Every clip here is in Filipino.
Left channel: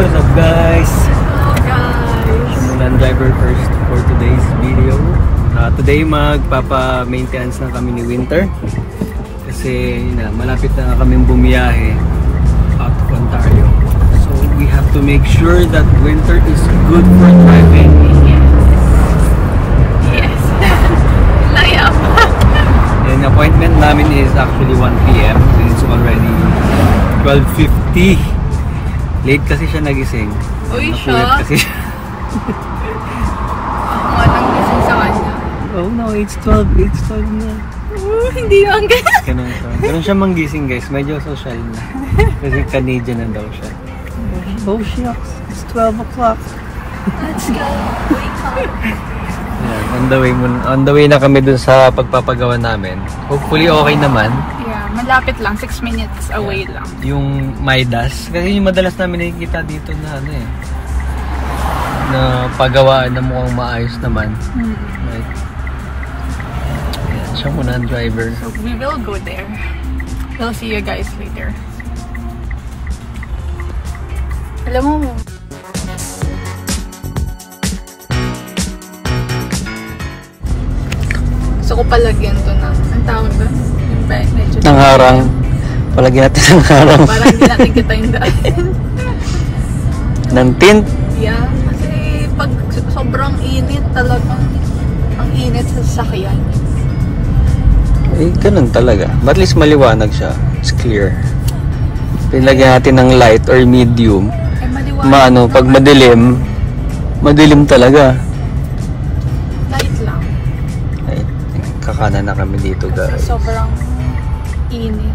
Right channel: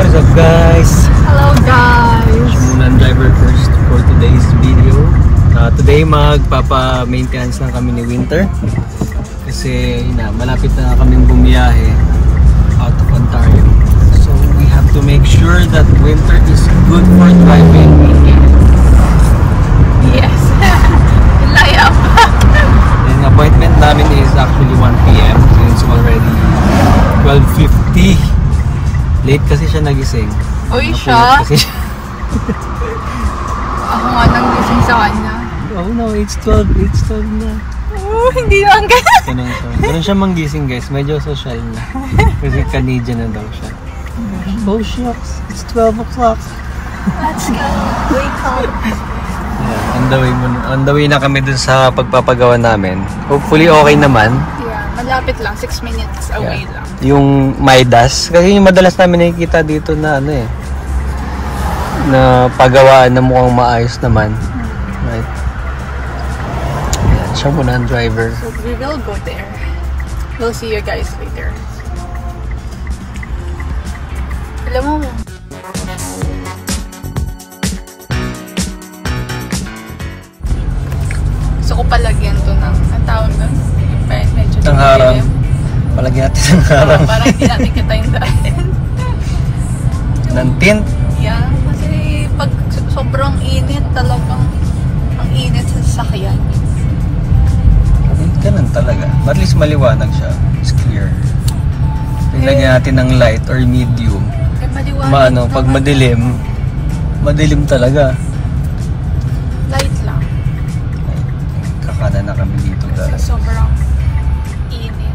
What's up guys? Hello guys! Siya muna ang driver first for today's video. Today magpapa-maintenance na kami ni Winter. Kasi yun na, malapit na kaming bumiyahe out of Ontario. So we have to make sure that Winter is good for driving. Yes! Layap! Ang appointment namin is actually 1 PM. So it's already 12:50. Late kasi siya nagising. Uy, siya? Late kasi siya. Ako nga nang gising sa kanya. Oh no, it's 12 na. Hindi naman ganun. Ganun siya manggising guys, medyo social na. Kasi Canadian na daw siya. Oh shucks, it's 12 o'clock. Let's go, wake up. Yeah, on the way na kami dun sa pagpapagawa namin. Hopefully okay naman. Yeah, malapit lang, 6 minutes away lang. Yung Midas, kasi yung madalas namin nakikita dito na ano eh, na pagawaan na mukhang maayos naman. Right? Ayan, siya muna ang driver. So we will go there. We'll see you guys later. Alam mo, gusto ko palagyan to ng, ang tawag doon? Medyo ng harang. Palagyan natin ng harang. Parang hindi natin kita yung daan. Ng tint? Yeah, kasi pag sobrang init talagang ang init sa sasakyan. Eh, ganun talaga. But at least maliwanag siya. It's clear. Pilagyan natin ng light or medium. Ay, maliwanag. Maano, pag madilim, madilim talaga. Light lang. Ay, kakanan na kami dito guys. Sobrang init.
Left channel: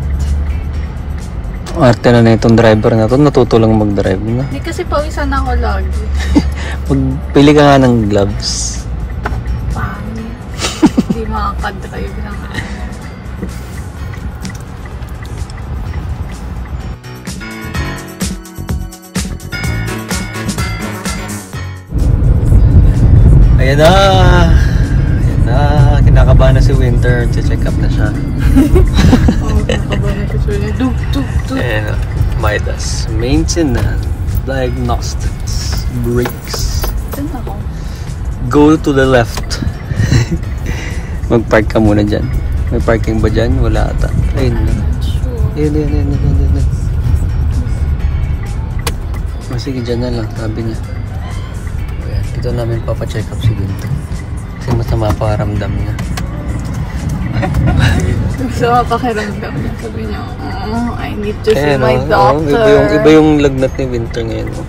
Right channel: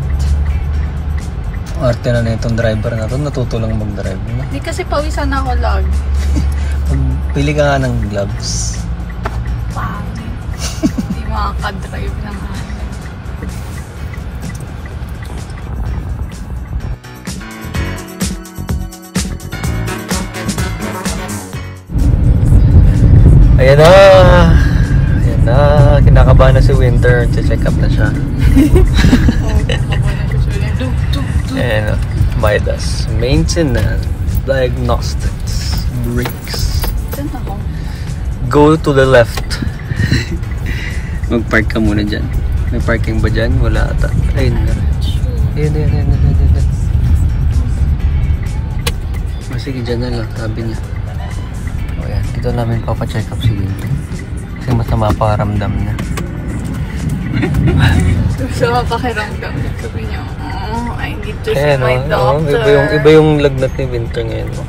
Arte na itong driver na to, natuto lang mag-drive na. Hindi kasi pawisan ako lagi. Pili ka nga ng gloves. Hindi makaka-drive na nga. Ayan na! Ayan na! Kinakabahan na si Winter. Check up na siya. Oo, kakabahan na siya. And Midas, maintenance, diagnostics, brakes. Saan ako? Go to the left. Mag-park ka muna dyan. May parking ba dyan? Wala ata. Ayun na. Ayun. O sige, dyan na lang. Sabi na. O yan, dito namin papacheck up si Winter. Kasi masama paramdam niya. Gusto mo pakiramdam. Sabi niya, oh, I need to see my doctor. Iba yung lagnat ni Winter ngayon. Oh.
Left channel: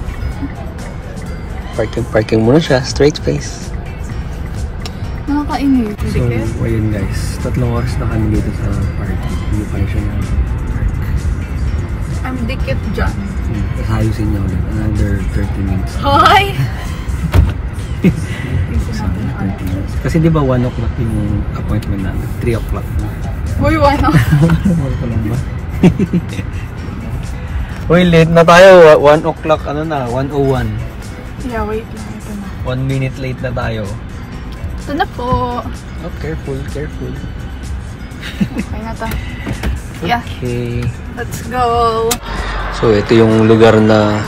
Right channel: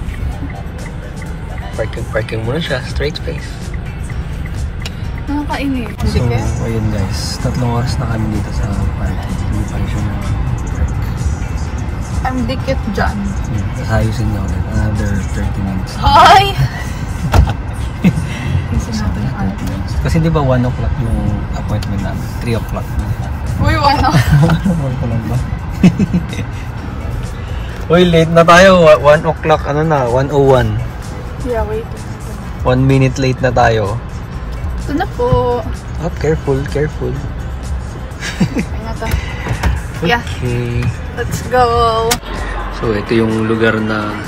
Parking muna siya. Straight face. Nakakainis. Ayun guys. 3 oras na kami dito sa parking. Dito siya yung park. Ang dikit dyan. Ayusin na ulit. Another 30 minutes. Hi! Kasi di ba 1 o'clock yung appointment namin? 3 o'clock na. Uy, wala. Uy, late na tayo. 1 o'clock, ano na? 1:01. Yeah, wait. 1 minute late na tayo. Ito na po. Oh, careful. Ay na to. Yeah. Okay. Let's go. So, ito yung lugar na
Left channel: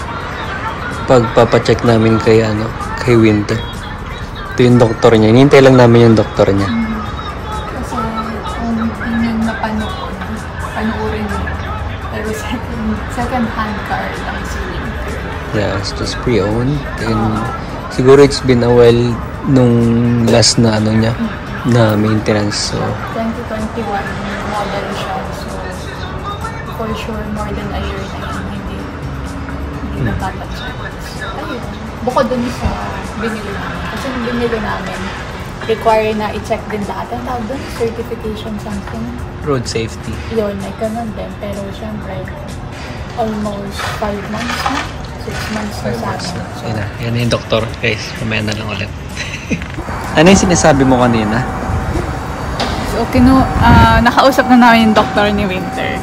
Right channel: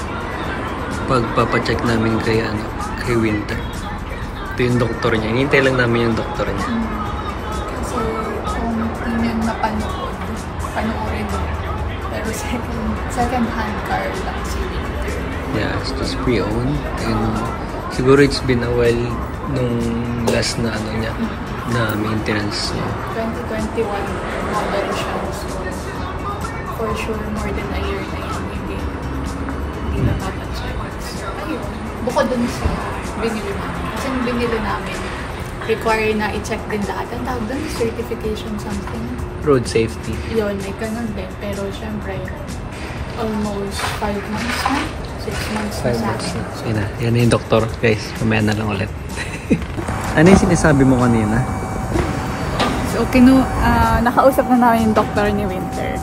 pagpapacheck namin kay Winter. Ito yung doktor niya. Hinintay lang namin yung doktor niya. Kasi kung tingnan na panoorin mo. Pero second hand car lang si Winter. Yeah, it was pre-owned. And siguro it's been a while nung last na niya na maintenance. So 2021 model siya. So for sure more than a year na yun. Hindi nakapag-check. So ayun. Bukod dun sa binili namin. Kasi yung binili namin, require na i-check din lahat. Ang tawag dun, certification something. road safety. Yun, may ganun din. Pero syempre, almost 5 months na. 6 months na sa akin. So, yan yung doktor. Guys, mamaya na lang ulit. Ano yung sinasabi mo kanina? So, nakausap na namin yung doktor ni Winter.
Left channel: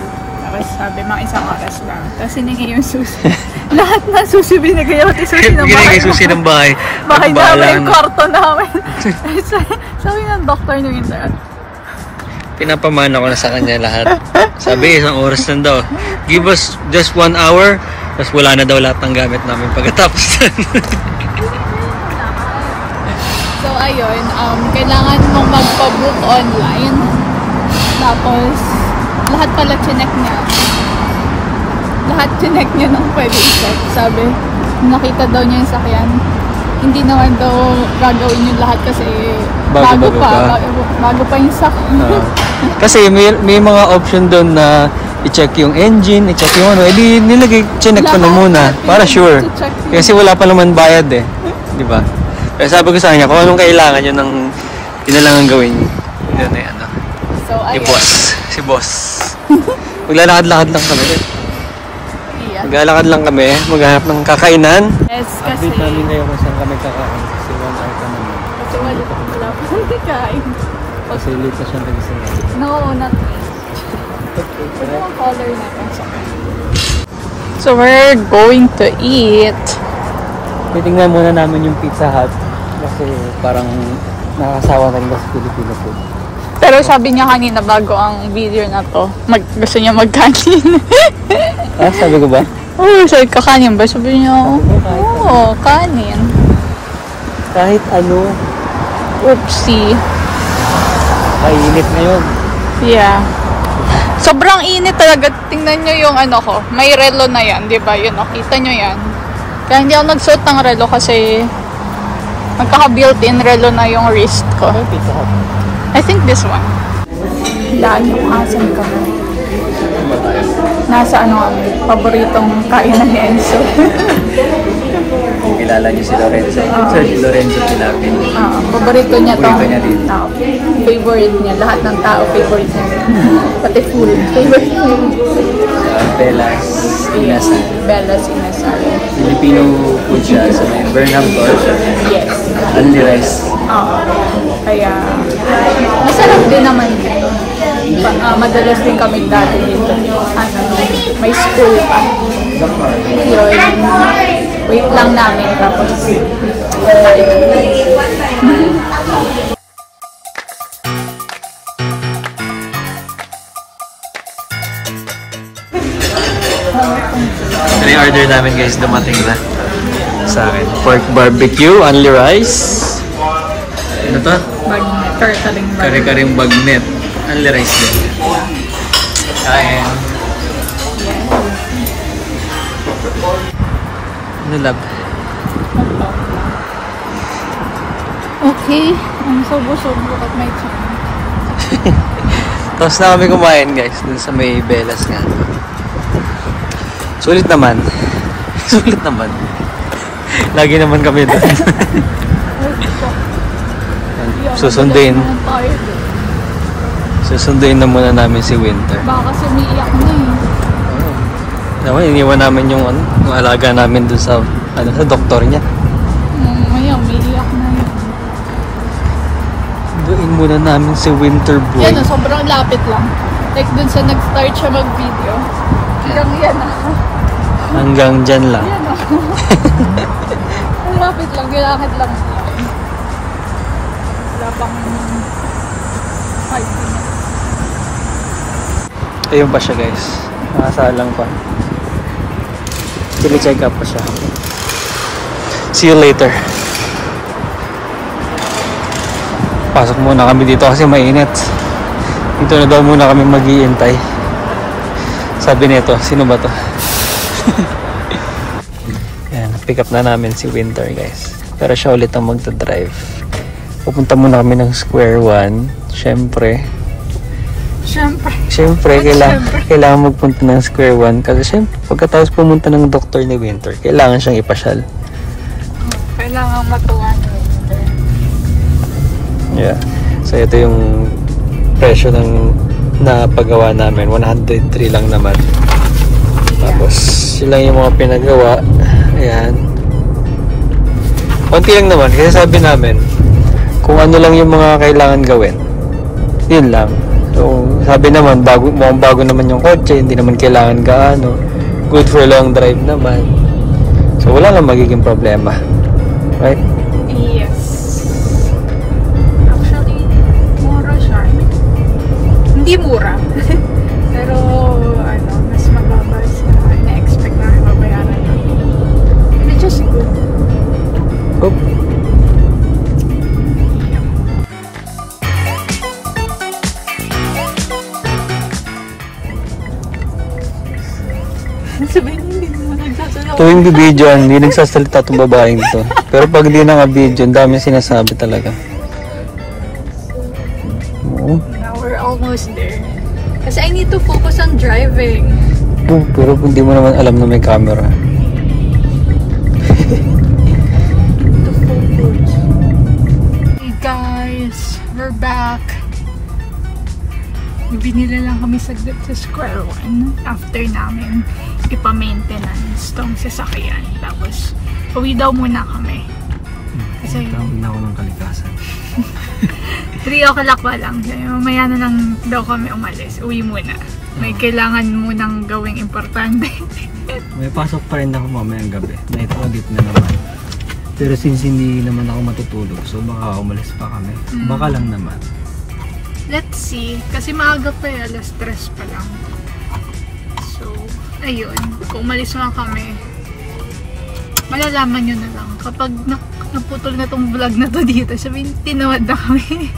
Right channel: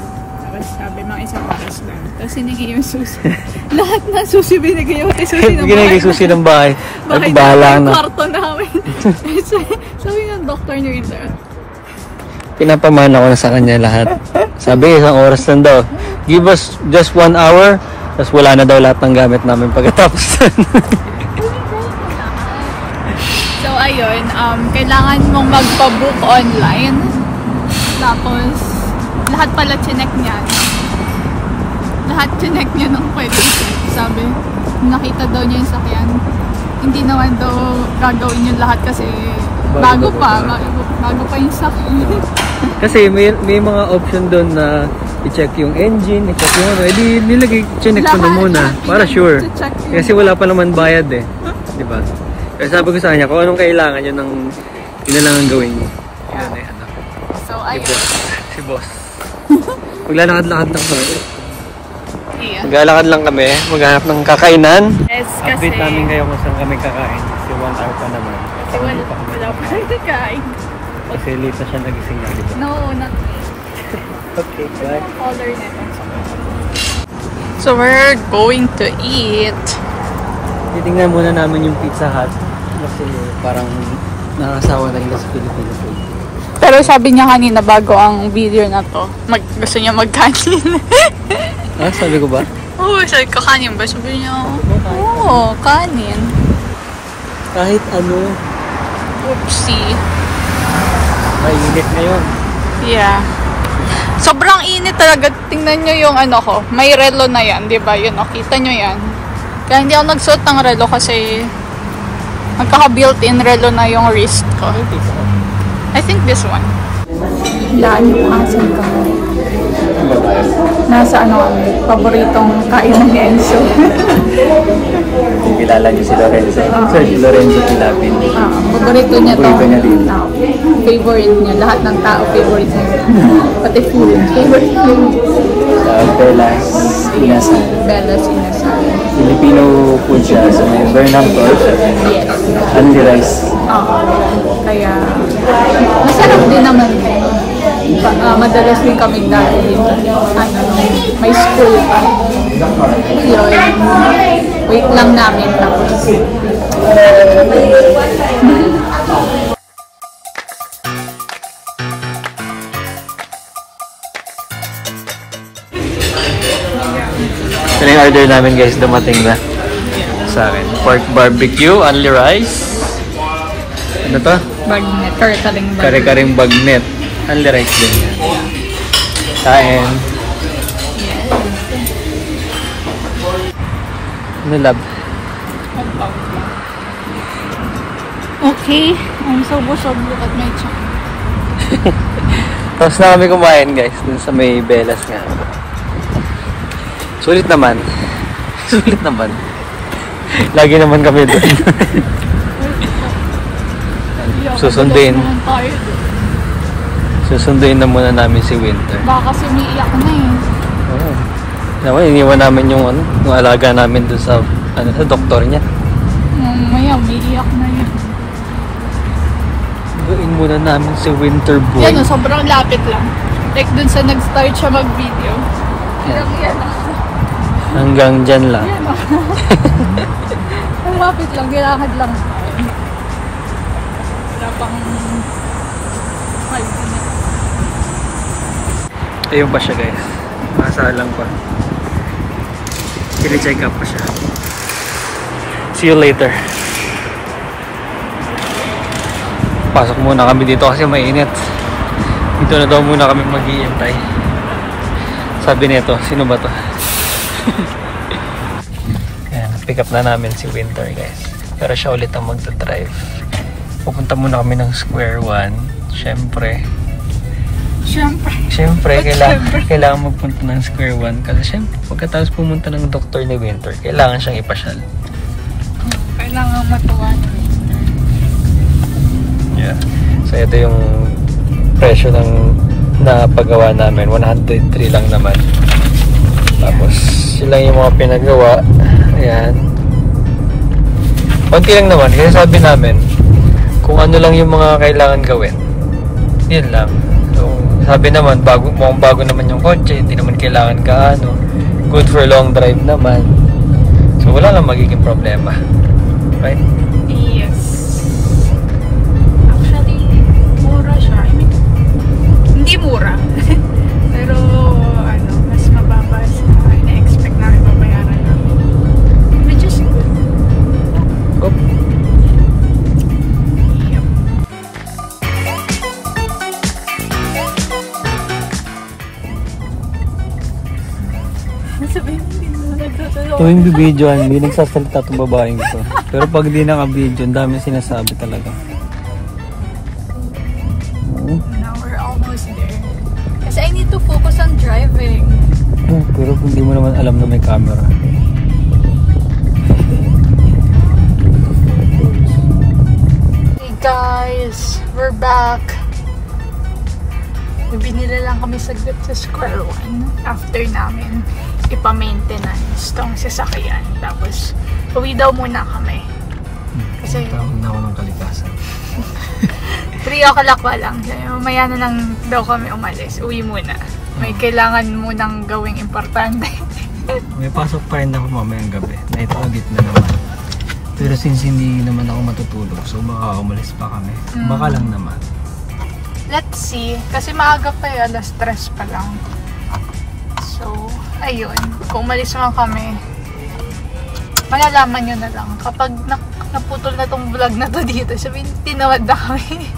Tapos sabi, mga 1 oras lang. Tapos sinigay yung susi. Lahat na susi binigay yung susi ng bahay. Binigay susi ng bahay. Bahay namin, kwarto namin. Sabi ng doktor ni Winter. Pinapamana ko na sa kanya lahat. Sabi, 1 oras lang daw. Give us just 1 hour. Tapos wala na daw lahat ng gamit namin pagkatapos. So, ayun, kailangan mo magpa-book online. Tapos, lahat pala chinek niya. Lahat chinek niya nung pwede i-check. Sabi, nakita daw niya yung sakyan. Hindi naman daw gagawin yung lahat kasi bago pa yung sakyan. Kasi may mga option doon na i-check yung engine, i-check yung ano. Edi nilagay, chinek ko na muna. Para sure. Kasi wala pa naman bayad eh. Di ba? Kaya sabi ko sa kanya, kung anong kailangan yun na lang ang gawin. Yun na yan. So, ayun. Si boss. Maglalakad-lakad lang kami. Yeah. Maglalakad lang kami, maghanap ng kakainan. Yes, kasi... Update namin kayo kung saan kami kakain. Kasi 1 hour pa naman. Kasi wala pa kakain. Kasi late na siya nagising nga, di ba? No, not Okay, bye. yung color natin. So, we're going to eat. Titingnan muna namin yung Pizza Hut. Kasi parang nakasawa na rin sa Filipino food. Pero sabi niya kanina bago ang video na to, gusto niya magkanin. Ah, sabi ko ba? Oo, sabi ko kanin ba? Sabi niya, oo, kanin. Kahit ano. Oopsie. Ay, init na yun. Yeah. Sobrang init talaga. Tingnan nyo yung ano ko. May relo na yan, di ba? Yun, oh, kita nyo yan. Kaya hindi ako magsuot ng relo kasi magkaka-built-in relo na yung wrist ko. Pizza Hut. I think this one. Laan yung asan kami. Nasa ano kami, paboritong kainan ni Enzo. Kilala niyo si Lorenzo. Sir, si Lorenzo Pilapi. Paborito niya to. Paborito niya din. Favorite niya. Lahat ng tao favorite niya. Pati food. Favorite niya. Bella's Inasal. Bella's Inasal. Filipino food siya sa may Burnham Court. Yes. Only rice. Oo. Kaya, masarap din naman dito. Madalas din kami dati dito. Ano, may school pa. Yun. Wait lang namin tapos ano yung order namin guys? Dumating na sa akin. Pork barbecue, only rice. Ano to? bagnet. Kare-karing bagnet. Kare-karing bagnet. Only rice din. Kain. Yes. Ano lab? Okay. I'm so busog. Look at my chan. Tapos na kami kumain guys. Dun sa may Bella's nga. Sulit naman. Sulit naman. Lagi naman kami doon. Susunduin. Susunduin na muna namin si Winter. Baka kasi umiiyak na eh. Oo. Naman, iniwan namin yung alaga namin doon sa sa doktor niya. May umiiyak na yan. Sunduin muna namin si Winter Boy. Yan, sobrang lapit lang. Like dun sa nag-start siya mag-video. Yan. Yan na. Hanggang dyan lang. Yan na. Ang lapit lang. Kailangan lang. Wala pang 5 minutes. Ayun pa siya guys. Nakasalang pa. Pili-check up pa siya. See you later. Pasok muna kami dito kasi mainit. Dito na daw muna kami mag-iintay. Sabi nito, sino ba to? Ayan, pick up na namin si Winter guys. Pero siya ulit ang magdadrive. Pupunta muna kami ng Square One. Siyempre, kailangan magpunta ng Square One. Kasi siyempre, pagkatapos pumunta ng doktor ni Winter, kailangan siyang ipasyal. Kailangan matuwan. Yeah. So, ito yung presyo ng napagawa namin. 103 lang naman. Tapos, yun lang yung mga pinagawa. Ayan. Konti lang naman. Kasi sabi namin, kung ano lang yung mga kailangan gawin. Yun lang. So, sabi naman, mukhang bago naman yung kotse. Hindi naman kailangan gaano. Good for long drive naman. So, wala lang magiging problema. Right? Yes. Actually, mura siya. Hindi mura. Pero, mas mababa sa na-expect na mabayaran Tuwing video, hindi nagsasalita itong babaeng to. Pero pag di naka-video, ang dami sinasabi talaga. Now we're almost there. Kasi I need to focus on driving. Pero hindi mo naman alam na may camera. Hey guys, we're back. Binili lang kami saglit sa Square One after namin ipa-maintenance tong sasakyan. Tapos, uwi daw muna kami. Kasi, tawag na ako ng kalikasan. 3 o'clock pa lang. Mamaya na lang daw kami umalis. Uwi muna. May kailangan munang gawing importante. May pasok pa rin ako mamayang gabi. Naipakagit na naman. Pero since hindi naman ako matutulog, so baka umalis pa kami. Baka lang naman. Let's see. Kasi maaga pa yun. Alas 3 pa lang. So, ayun. Kung umalis nga kami, malalaman nyo na lang. Kapag naputol na tong vlog na to dito, sabihin, tinawad na kami.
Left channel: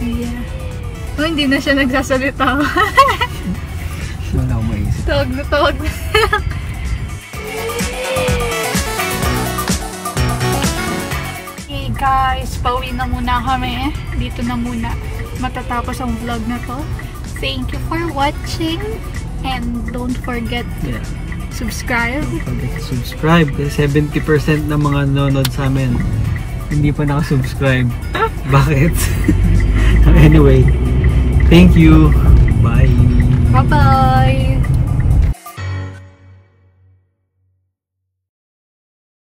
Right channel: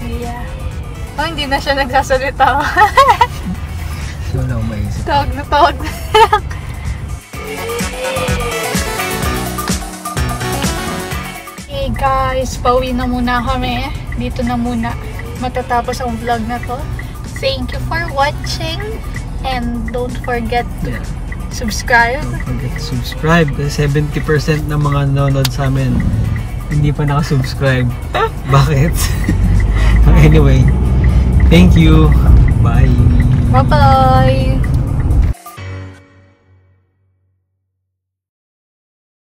Yeah. Oh, hindi na siya nagsasalita. Wala akong maisip. Tawag na tawag na. Hey guys, pauwi na muna kami. Dito na muna matatapos ang vlog na to. Thank you for watching and don't forget to subscribe. Don't forget to subscribe. 70% ng mga nanonood sa amin hindi pa nakasubscribe. Bakit? Anyway, thank you. Bye. Bye-bye.